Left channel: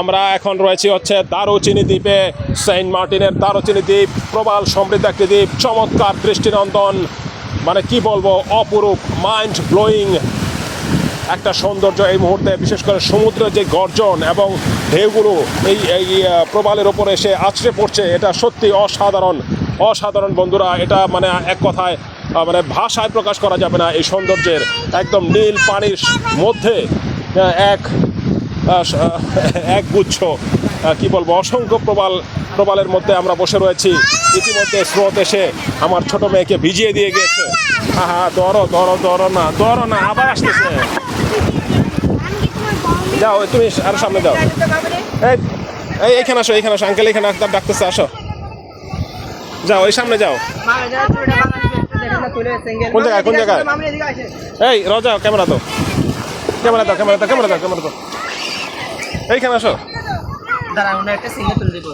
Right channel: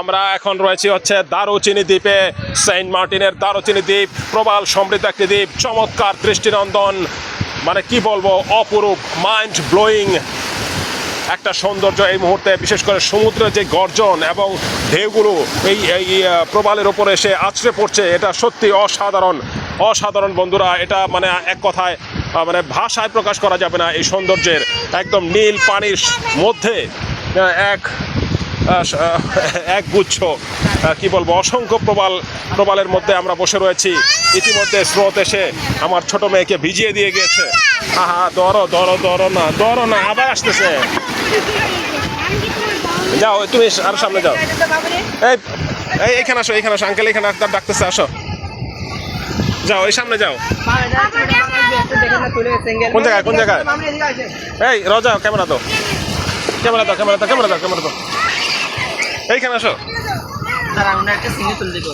আমরা এখন রয়েছি হচ্ছে দারুচিনি দ্বীপে, সেন্ট মার্টিনের দারুচিনি দ্বীপ, প্রবাল সমৃদ্ধ একটি দ্বীপ, চমৎকার দৃষ্টিনন্দন মানে কি বলব, অপরূপ মাইন্ড ব্লোয়িং একটা সৌন্দর্য এই মুহূর্তে, বিশেষ করে সমুদ্রের যে গর্জন এবং ঢেউগুলো এই এই প্রবালের ওপরে এসে আছড়ে পড়ছে, এটা সত্যি অসাধারণ অসাধারণ বন্ধুরা, এটা মানে এক কথায় মানে ভাষায় প্রকাশ করা যাবে না এই সৌন্দর্যের, একদম নীল পানির মধ্যে এক এক গুচ্ছ কি বলব অসংখ্য প্রবাল প্রবালের মধ্যে আমরা বসে রয়েছি। ইতিমধ্যে স্রোত এসে আমার ছোট মেয়েকে ভিজিয়ে দিয়ে গিয়েছে। হ্যাঁ দরো দরো দরো না দরো না আবার আসতেছে। যাও তুমি আরও সামনে যাও। এই এই এইখানে আসো এইখানে আসো আঙ্কেল এখানে ডাক্তার ডাকতেছে আসো। যাও এই সামনে যাও। কোন জায়গায়, কোন জায়গায়? এই রজা ক্যামেরা দাও ক্যামেরা দাও। ক্যামেরা দাও ক্যামেরা দাও ক্যামেরা দাও। এইখানে আসো। দাঁড়া আমরা একটা সিঙ্গে তুলে দেবো।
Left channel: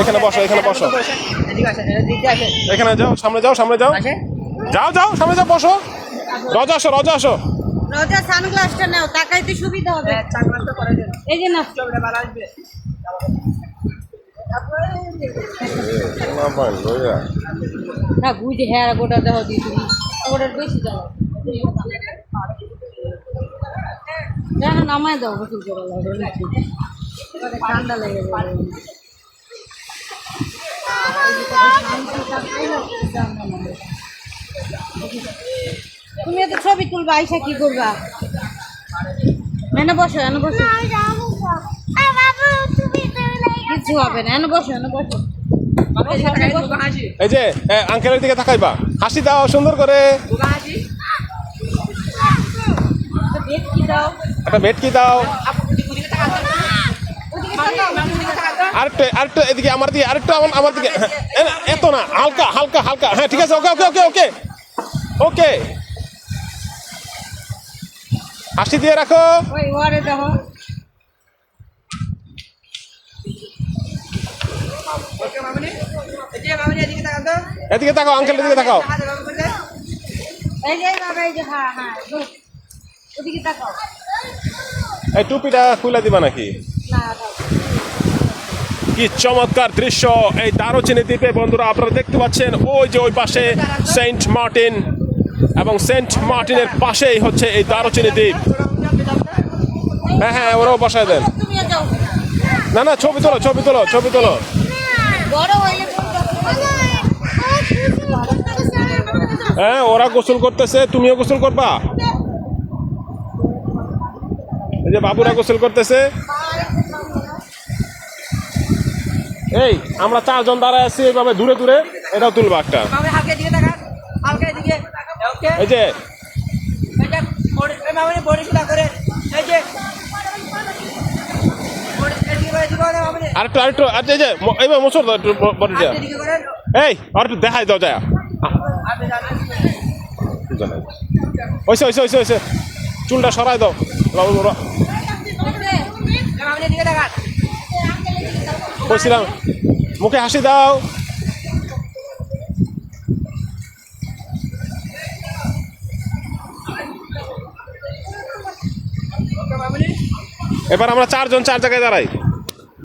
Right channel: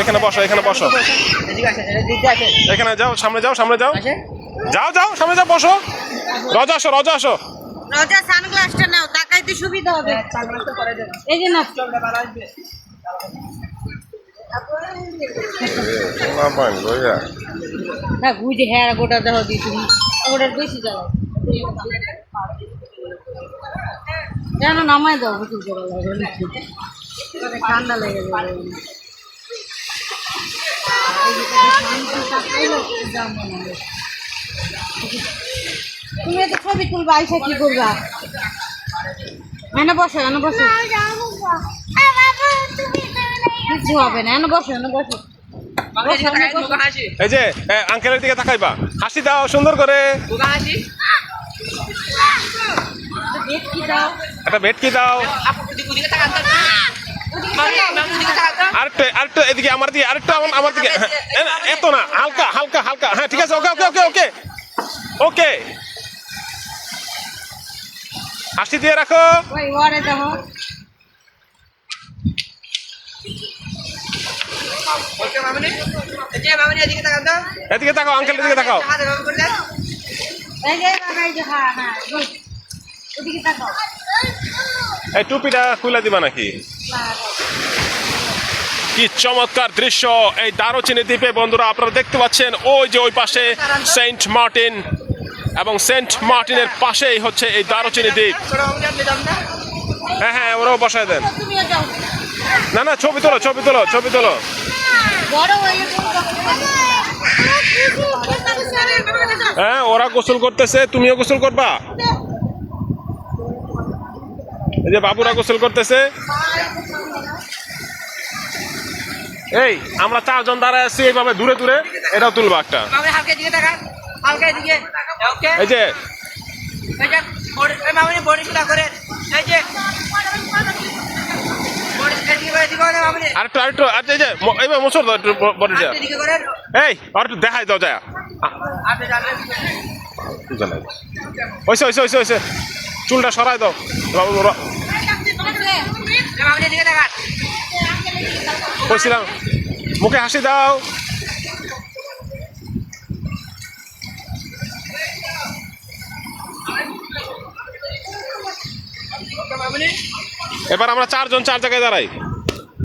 এখানে বসো এখানে বসো। এখানে যাও সামনে যাও সামনে যাও। যাও যাও সামনে যাও বসো। রজা আসো রজা আসো। রোজা সানগ্লাসটা নাও তাকাইতে সুবিধা হবে। চাকরি তো করে দেন এই যে না চলবে আসবে। হ্যাঁ বুঝে হ্যাঁ গোটা দেওয়া দিই তুমি। ওটার বেশি দাও কেন নামাই দাও গোসল করা লাগবে ঠান্ডা লেগে যাবে। তুমি এত ছবি তুলবা আইসা কি করবা? এনে বসো এনে বসো। কিছু হবে না এনে বসো এনে বসো। এই যে আঙ্কেলের দিকে তাকাইবা। হাসি দাও সুন্দর করে। দাও একটা ভেটকি দাও। আরেকটু আরেকটু এদিকে আমার দিকে আরেকটু আমার দিকে। এত না হালকা হালকা হালকা। হ্যাঁ ঠিক আছে ওকে ওকে ওকে ওকে। ওকে। হাসি দিয়ে রাখো। এদিকে তো এদিকে তাকাও হ্যাঁ হ্যাঁ. ওদিকে তাকাও এই টুপিটা খুলে দিবা নাকি? কি চমৎকার দৃশ্য। এই দারুচিনি দ্বীপে বন্ধুরা আপনারা দেখতে পাচ্ছেন ওই যে ওই পাশে সেন্ট মার্টিন এবং সেন্ট মার্টিনের পাশেই হচ্ছে এই দারুচিনি দ্বীপ। হ্যাঁ হ্যাঁ ওরাও বসায় দেন। না না ছবি তোলো ছবি তোলো ছবি তোলো। হ্যাঁ ওরা গোসল করতেছে তুমিও গোসল করবা? এই যে বাবুরা গোসল করতেছে। এই আমরা চারজন দাঁড়ায় আছি এইভাবে দূরে দূরে এটাও তুলবা একটা। এই যে আরেকটু আর যে দাও একটু বডিটা। এই আর একটু দেখাই দাও যায় চুলটা সরাই দাও। কইছিলাম মুখে হাসি দাও। এবার আমরা চারজন চার জায়গায় দাঁড়াই।